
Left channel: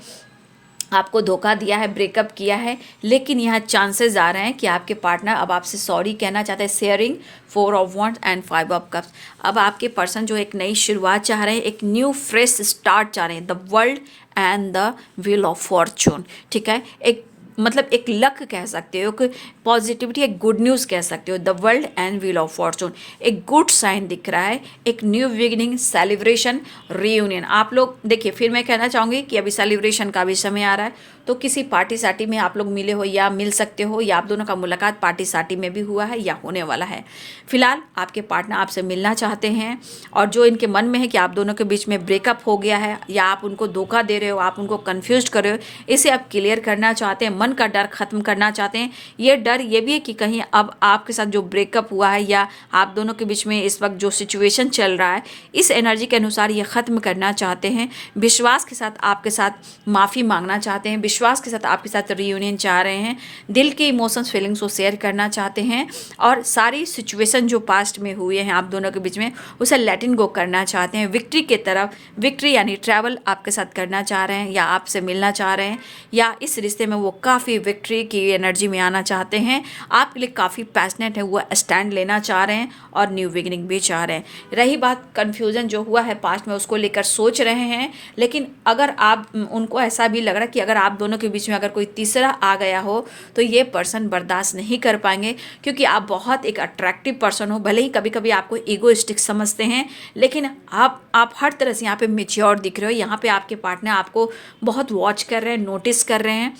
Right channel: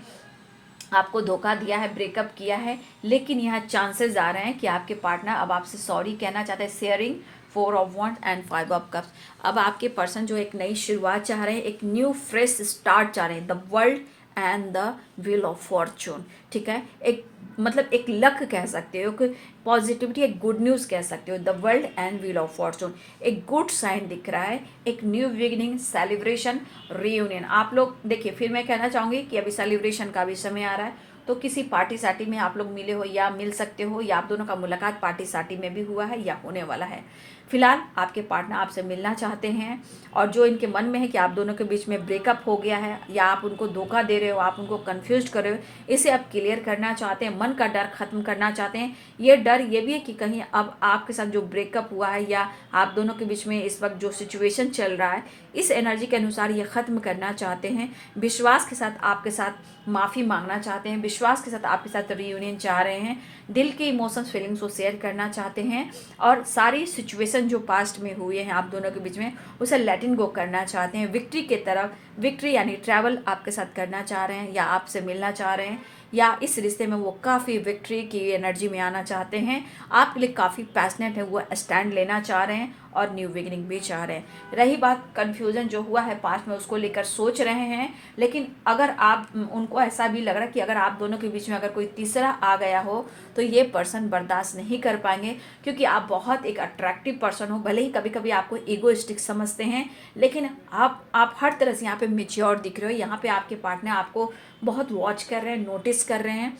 आपको धोखा दिया है, ब्रेकअप किया है, लेकिन यहाँ चांसेस आ रहे हैं कि आपके पार्टनर अब आपसे सॉरी कहना चाहते हैं। Sharing, 4 of wands and 5 of cups. अब आपके पर्सन जो एक नई शुरुआत चाह रहे हैं, एक न्यू फ्रेश स्टार्ट चाह रहे हैं। The world and the wheel of Fortune, ठीक है, एक मतलब एक लक कह सकते हो, एक पॉजिटिविटी, एक गुड न्यूज़ कह सकते हो। The world and wheel of Fortune, एक गुड साइन दिख रहा है, एक न्यू बिगिनिंग, सेलिब्रेशन, रीयूनियन। आप लोग देखिए, फिर मैं कहना चाहूँगी कि अभी सेलिब्रेशन का भी समय आ रहा है, तो किसी पार्टी सार्टी में आप लोग मिले हो या मिल सकते हो, या आप दोनों का मुलाकात पार्टी सार्टी में भी हुआ है या होने वाला है। फिलहाल आपके पार्टनर आपसे मिलना चाहते हैं और जो इनके मन में है कि आप दोनों के बीच में ब्रेकअप हो गया है या आप उनको धोखा दे रहे हो, आप उनको कन्फ्यूज कर रहे हो, इसे आप क्लियर करना चाहते हैं। हैं, मन का डर खत्म करना चाहते हैं। ये डर ये भी है कि कहीं अब आपके साथ जो ब्रेकअप हुआ है या आप दोनों के बीच में इस वक्त जो सिचुएशन चल रहा है, इस एनर्जी के अनुसार ये ख़त्म करना चाहते हैं। विश्वास के साथ आपके साथ माफ़ी मांगना चाहते हैं, विश्वास के साथ आपके साथ रियूनियन चाह रहे हैं, दिल के इमोशंस फीलिंग्स को शेयर करना चाहते हैं और सारी सिचुएशन जो पास्ट में हुए हैं आप दोनों के बीच में उसे लेट इन गो करना चाहते हैं। विक्ट्री की तरफ, विक्ट्री यानी ट्रैवल आपके साथ करना चाह रहे हैं या आपसे मिलना चाह रहे हैं या इस रिश्ते में वो काफ़ी विक्ट्री की एनर्जी में आना चाहते हैं। आपके लिए काफ़ी पैशनेट है, वो स्टैंड लेना चाह रहे हैं और न्यू बिगिनिंग भी चाह रहे हैं। रही बात कन्फ्यूज़न जो हुआ है पास्ट में उसको लेकर सोच रहे हैं, लेकिन अगर आप उनको ऐसा भी लग रहा है कि अगर आप दोनों के बीच में अगर कोई तीसरा आ गया हो तो ये पर्सन बर्दाश्त नहीं कर पाएंगे, क्योंकि आप बहुत एक अट्रैक्टिव पर्सन हो। भले ही कभी कभी आपको ईगोइस्टिक समझते हैं, लेकिन आप हर तरह से यहाँ पे मैच्योर दिख रहे हो। यहाँ पे आपके पार्टनर आपको बहुत वॉच कर रहे हैं, नोटिस कर रहे हैं।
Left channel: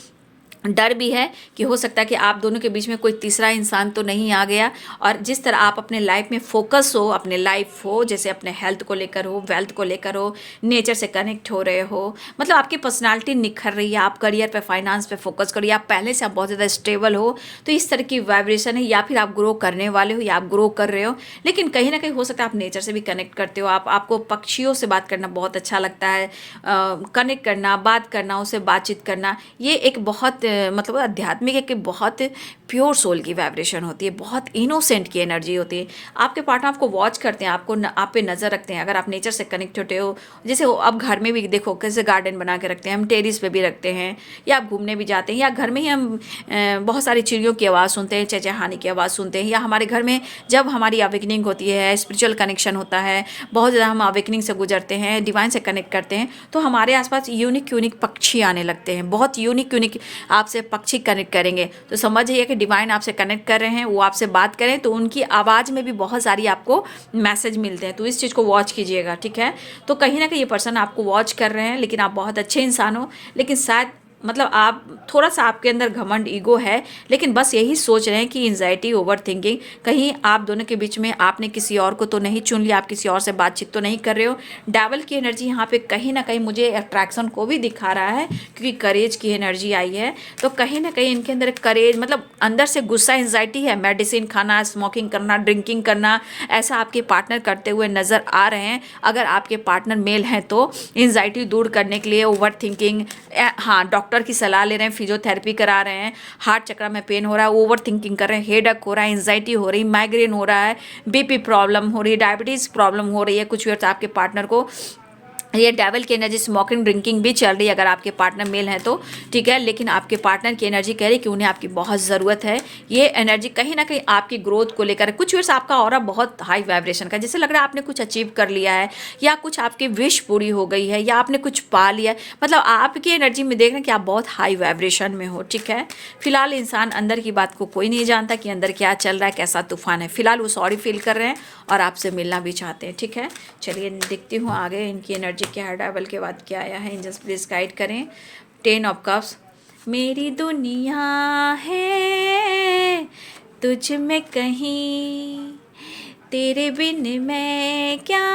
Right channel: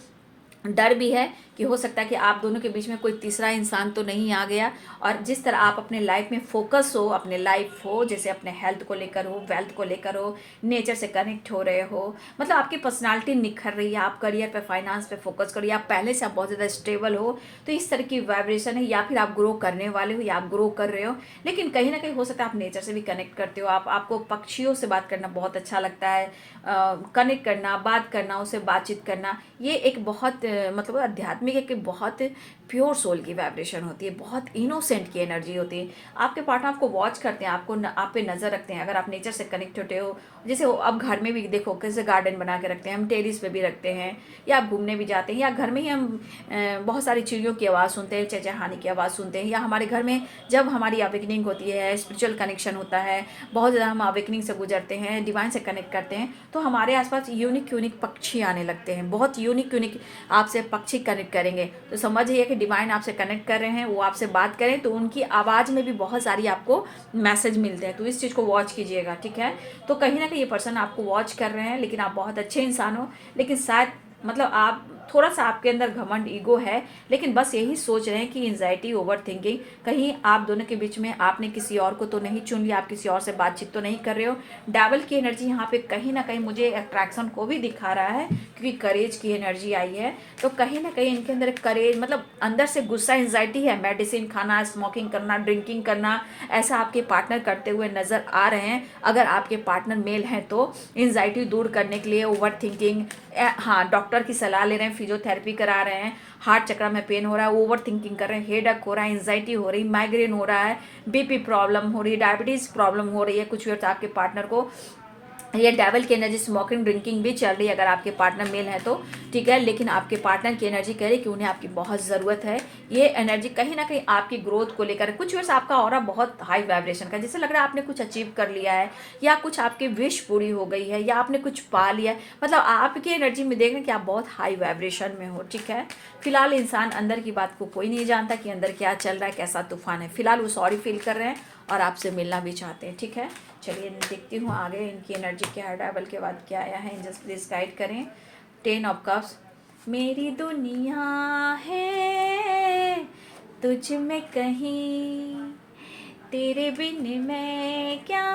डर भी है कि हो सकता है कि आप दोनों के बीच में कोई तीसरा इंसान तो नहीं आ गया। और जिस तरह आप अपने लाइफ में फोकस हो, अपने लाइफ हो, जैसे अपने हेल्थ को लेकर हो, वेल्थ को लेकर हो, नेचर से कनेक्ट हो रहे हो, मतलब आपकी पर्सनालिटी निखर रही है, आप करियर पे, फाइनेंस पे फोकस करो, या आप पहले से आप बहुत ज़्यादा स्टेबल हो, तो इस तरह की वाइब्रेशन है। या फिर आप ग्रो करने वाले हो या आप ग्रो कर रहे हो, लेकिन कहीं ना कहीं हो सकता है आप नेचर से भी कनेक्ट करते हो। आपको पक्षियों से बात करना बहुत अच्छा लगता है, कनेक्ट करना, बात करना, उससे बातचीत करना, ये एक बहुत मतलब आध्यात्मिक एक बहुत प्योर सोल की वाइब्रेशन होती है, बहुत इनोसेंट की एनर्जी होती है। आपके पार्टनर आपको वॉच करते हैं, आप पे नज़र रखते हैं। अगर आप नेचर से कनेक्ट होते हो, जैसे अब घर में भी देखो कैसे गार्डन बना के रखते हैं, हम टेरिस पे भी रखते हैं, या आप घूमने भी जाते हैं, या घर में ही हम बहुत सारी चिड़ियों की आवाज़ सुनते हैं, चहचहाने की आवाज़ सुनते हैं, या हमारे घर में जब हमारी अवेकनिंग होती है, स्पिरिचुअल कनेक्शन होता है, बहुत ज़्यादा हम अवेकनिंग से गुजरते हैं, डिवाइन से कनेक्ट करते हैं, तो हमारे आसपास यूनिक पक्षी आने लगते हैं, बहुत यूनिक आपसे पक्षी कनेक्ट करेंगे। तो समझिए कि डिवाइन आपसे कनेक्ट कर रहे हैं, वो आपसे बात करें तो उनकी आवाज़ में भी बहुत सारी आपको मैसेज मिलते हैं। तो इस चीज़ को वॉच कीजिएगा, ठीक है। तो कहीं ना कहीं ये पर्सन आपको वॉच कर रहे हैं, लेकिन आप बहुत अच्छे इंसान हो, लेकिन शायद मतलब आप थोड़ा सा आपके अंदर घमंड, ईगो है, लेकिन बस यही सोच रहे हैं कि एंजाइटी, ओवर थिंकिंग, कहीं आप दोनों के बीच में आपने किसी और को तो नहीं चुन लिया, आप किसी और से बातचीत तो नहीं कर रहे हो। डेविल की एनर्जी यहाँ पे कहीं ना कहीं मुझे अट्रैक्शन को भी दिखा रहा है, क्योंकि करेज की एनर्जी आई है। तो कहीं ना कहीं इनके अंदर करेज, मतलब अंदर से गुस्सा, एंजाइटी है। मेडिसिन खाना, स्मोकिंग करना, ड्रिंकिंग करना, ऐसा आपके पार्टनर करते हुए नज़र आ रहे हैं। अगर आपके पार्टनर मेल हैं तो एंजाइटी दूर करने के लिए ओवर थिंकिंग, हाँ, डॉक्टर की सलाह ले रहे हैं, फिजियोथेरेपी करा रहे हैं, हार्ट चक्र में पेन हो रहा है, ओवर थिंकिंग कर रहे हैं, हेडेक हो रहा है, एंजाइटी हो रही, माइग्रेन हो रहा है, बीपी प्रॉब्लम हो रही है, डायबिटीज़ प्रॉब्लम हो रही है कुछ वर्ष आपके पार्टनर को। ये डेविल की एनर्जी, स्मोकिंग, ड्रिंकिंग भी चल रही है अगर आपके पार्टनर मेल है तो, ठीक है। लेकिन आपके पार्टनर की एनर्जी कह रही है कि उन्हें आपकी बहुत ज़रूरत है। ये एनर्जी कहीं ना कहीं आपकी ग्रोथ को लेकर, कुछ वर्ष आपका ऑरा बहुत हाई वाइब्रेशन का, जैसे लग रहा है आपने कुछ अचीव कर लिया है, या कुछ आपकी विश पूरी हो गई है, या आपने कुछ पा लिया है। मतलब आपकी एनर्जी में देख रहे हैं कि आप बहुत हाई वाइब्रेशन में हो, ठीक है। फिलहाल इंसान अंदर की बात को कोई नहीं जानता कि अंदर क्या चल रहा है, कैसा तूफान है। फिलहाल वो सॉरी फील कर रहे हैं और आपसे मिलना भी चाहते हैं, ठीक है। चलिए देखती हूँ आगे इनकी एनर्जी क्या है, डेविल के बाद क्या आया है। एंजल्स प्लीज गाइड करें। 10 ऑफ कप्स, मेरी दुनिया है तुझ में कहीं, तेरे बिन मैं क्या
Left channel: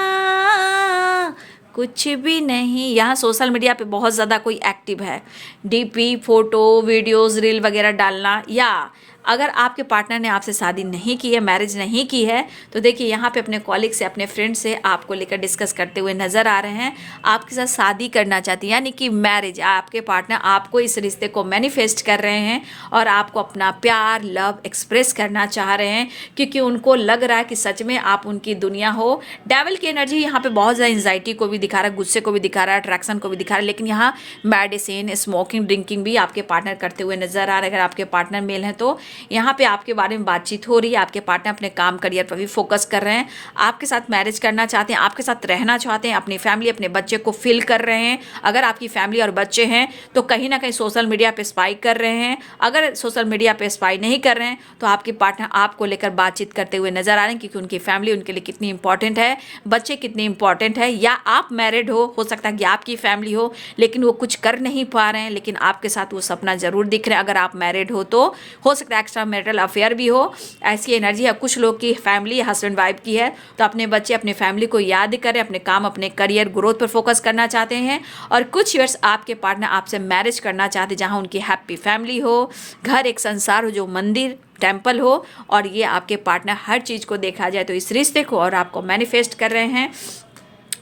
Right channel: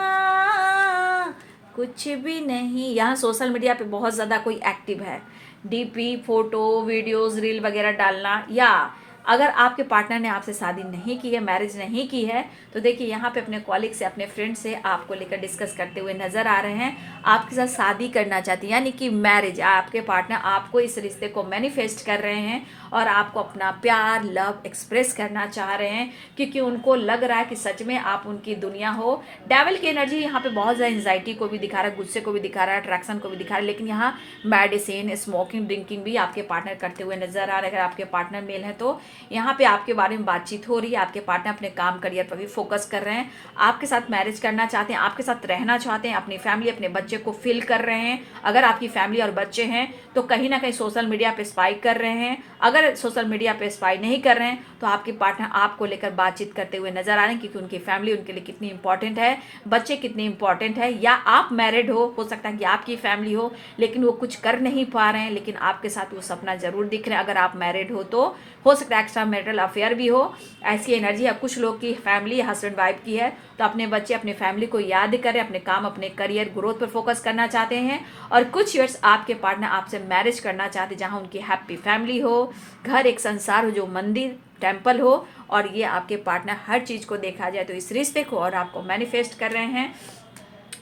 कुछ भी नहीं। यहाँ सोशल मीडिया पे बहुत ज़्यादा कोई एक्टिव है, डीपी, फोटो, वीडियोस, रील वगैरह डालना, या अगर आपके पार्टनर ने आपसे शादी नहीं की है, मैरिज नहीं की है, तो देखिए यहाँ पे अपने कॉलिग से, अपने फ्रेंड से आपको लेकर डिस्कस करते हुए नज़र आ रहे हैं। आपके साथ शादी करना चाहती है, यानी कि मैरिज, आपके पार्टनर आपको इस रिश्ते को मैनिफेस्ट कर रहे हैं और आपको अपना प्यार, लव एक्सप्रेस करना चाह रहे हैं, क्योंकि उनको लग रहा है कि सच में आप उनकी दुनिया हो। डेविल की एनर्जी यहाँ पे बहुत ज़्यादा एंजाइटी को भी दिखा रहा है, गुस्से को भी दिखा रहा है, अट्रैक्शन को भी दिखा रहा है, लेकिन यहाँ मेडिसिन, स्मोकिंग, ड्रिंकिंग भी आपके पार्टनर करते हुए नजर आ रहे हैं। अगर आपके पार्टनर मेल हैं तो यहाँ पे आपके बारे में बातचीत हो रही है, आपके पार्टनर अपने काम, करियर पर भी फोकस कर रहे हैं, आपके साथ मैरिज करना चाहते हैं, आपके साथ रहना चाहते हैं, अपनी फैमिली, अपने बच्चे को फिल कर रहे हैं। अगर आपकी फैमिली और बच्चे हैं तो कहीं ना कहीं सोशल मीडिया पे स्पाई कर रहे हैं। अगर सोशल मीडिया पे स्पाई नहीं कर रहे हैं तो आपके पार्टनर आपको लेकर बातचीत करते हुए नजर आ रहे हैं, क्योंकि उनकी फैमिली उनके लिए कितनी इंपॉर्टेंट है, बच्चे कितने इंपॉर्टेंट है। या आप मैरिड हो सकता है कि आपकी फैमिली हो, लेकिन वो कुछ कर नहीं पा रहे हैं, लेकिन आपके साथ वो सपना जरूर दिख रहे हैं। अगर आप मैरिड हो तो हो सकता है एक्स्ट्रा मैरिटल अफेयर भी हो, ऐसी एनर्जी है। कुछ लोग की फैमिली हस्बैंड वाइफ की है, तो अपने बच्चे अपने फैमिली को याद करें, अपने काम अपने करियर ग्रोथ पर फोकस करना चाहते हैं। और कुछ ईयर्स आपके पार्टनर आपसे मैरिज करना चाहते हैं जहाँ उनकी हैप्पी फैमिली हो, घर एक संसार हो जो मंदिर टेम्पल हो, और ये आपके पार्टनर हर चीज़ को देखा जाए तो इस रिश्ते को और आपको मैनिफेस्ट कर रहे हैं।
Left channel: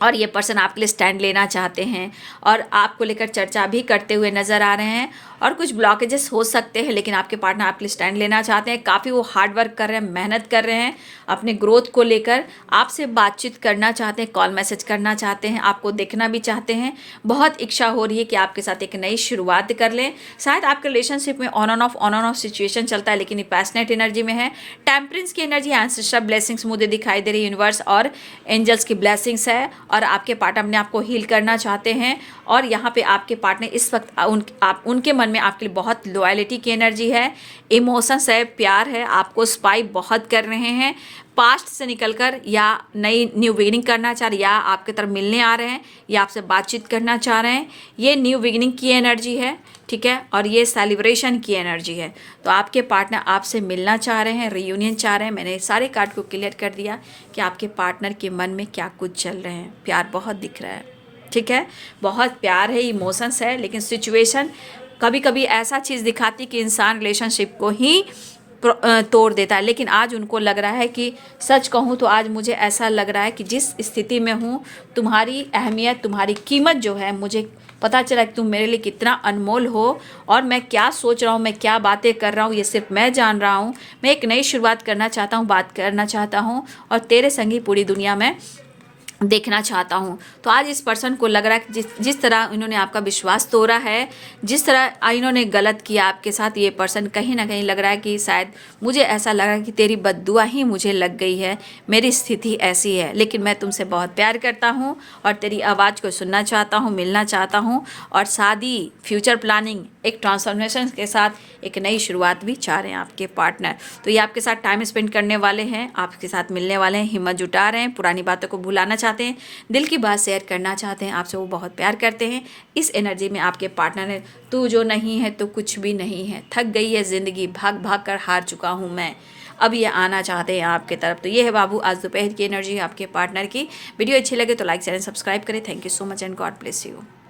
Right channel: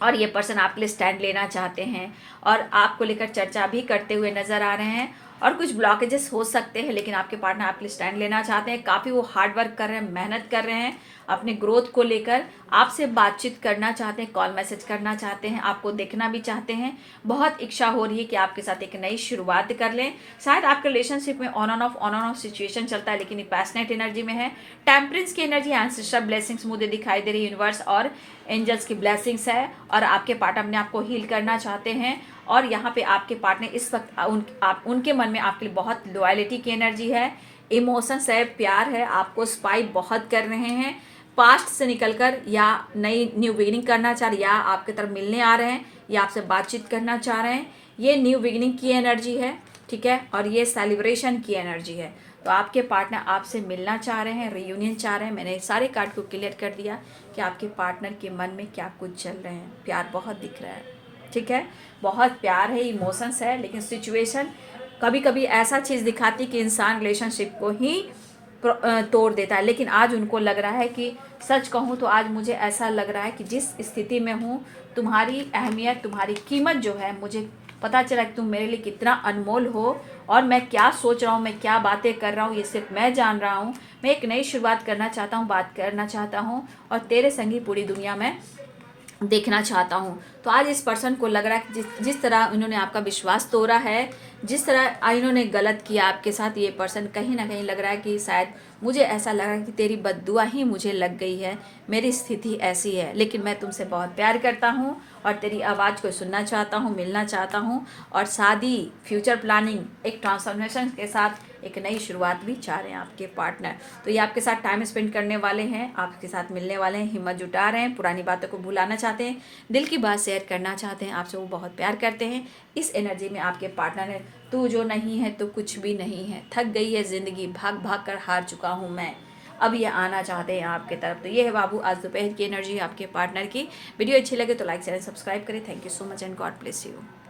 और ये पर्सन आपके लिए स्टैंड लेना चाहते हैं और आपको लेकर चर्चा भी करते हुए नज़र आ रहे हैं। और कुछ ब्लॉकेजेस हो सकते हैं, लेकिन आपके पार्टनर आपके लिए स्टैंड लेना चाहते हैं। काफ़ी वो हार्ड वर्क कर रहे हैं, मेहनत कर रहे हैं अपने ग्रोथ को लेकर, आपसे बातचीत करना चाहते हैं, कॉल मैसेज करना चाहते हैं, आपको देखना भी चाहते हैं। बहुत इच्छा हो रही है कि आपके साथ एक नई शुरुआत कर लें। शायद आपके रिलेशनशिप में ऑन एंड ऑफ सिचुएशन चलता है, लेकिन ये पैशनेट एनर्जी में है। टेम्परेंस की एनर्जी, एंसेस्ट्रल ब्लेसिंग्स मुझे दिखाई दे रही है, यूनिवर्स और एंजल्स की ब्लेसिंग्स है। और आपके पार्टनर अपने आप को हील करना चाहते हैं। और यहाँ पे आपके पार्टनर इस वक्त उनके मन में आपके लिए बहुत लॉयल्टी की एनर्जी है, इमोशंस है, प्यार है, आपको स्पाई बहुत कर रहे हैं। पास्ट से निकलकर या नई न्यू बिगिनिंग करना चाह रहे, या आपके तरफ मिलने आ रहे हैं, या आपसे बातचीत करना चाह रहे हैं। ये न्यू बिगिनिंग की एनर्जी है, ठीक है, और ये सेलिब्रेशन की एनर्जी है। तो आपके पार्टनर आपसे मिलना चाह रहे हैं, रियूनियन चाह रहे हैं। मैंने सारे कार्ड को क्लियर कर दिया कि आपके पार्टनर के मन में क्या कुछ चल रहे हैं। प्यार बहुत दिख रहा है, ठीक है, बहुत प्यार है, इमोशंस है, लेकिन सिचुएशन कभी कभी ऐसा चीज़ दिखाती कि इंसान रिलेशनशिप को ही तोड़ देता है। लेकिन आज उनको लग रहा है कि सच कहूँ तो आज मुझे ऐसा लग रहा है कि जिस स्थिति में हूँ, तुम्हारी अहमियत, तुम्हारी कीमत जो है, मुझे पता चला कि तुम मेरे लिए कितना अनमोल हो। और मैं क्या सोच रहा हूँ, मैं क्या बातें कर रहा हूँ, ये सिर्फ मैं जान रहा हूँ। मैं एक नई शुरुआत करना चाहता हूँ, बात करना चाहता हूँ, और तेरे संग ही पूरी दुनिया में देखना चाहता हूँ। तो आज इस पर्सन को लग रहा है कि जिस तरह इन्होंने आपका विश्वास तोड़ा है, जिस तरह इन्होंने गलत किया आपके साथ, ये पर्सन कहीं ना कहीं लग रहा है कि शायद मुझे ऐसा लग रहा है कि तेरी बद्दुआ ही मुझे लग गई है, मेरी स्थिति ऐसी है। लेकिन मैं तुमसे बहुत प्यार करता हूँ और तेरी आवाज़ को सुनना चाहता हूँ, मिलना चाहता हूँ। और शादी, फ्यूचर प्लानिंग, एक ट्रांसफॉर्मेशन के साथ एक नई शुरुआत भी चाह रहे हैं आपके पार्टनर। तो ये आपके साथ टाइम स्पेंड करने वाले हैं, आपके साथ मिलने वाले हैं, हिम्मत जुटा रहे हैं, पुरानी बातों को भुलाना चाहते हैं, दिल की बात शेयर करना चाहते हैं, आपसे वो बहुत प्यार करते हैं। इस एनर्जी में आपके पार्टनर ने तू जो नहीं है तो कुछ भी नहीं है, थक गई है ज़िंदगी, भाग भाग कर हार चुका हूँ मैं, अब ये आना चाहते हैं आपके तरफ। तो ये है बाबू आज दोपहर की एनर्जी आपके पार्टनर की। वीडियो अच्छी लगे तो लाइक शेयर एंड सब्सक्राइब करें। Thank you so much and God bless you.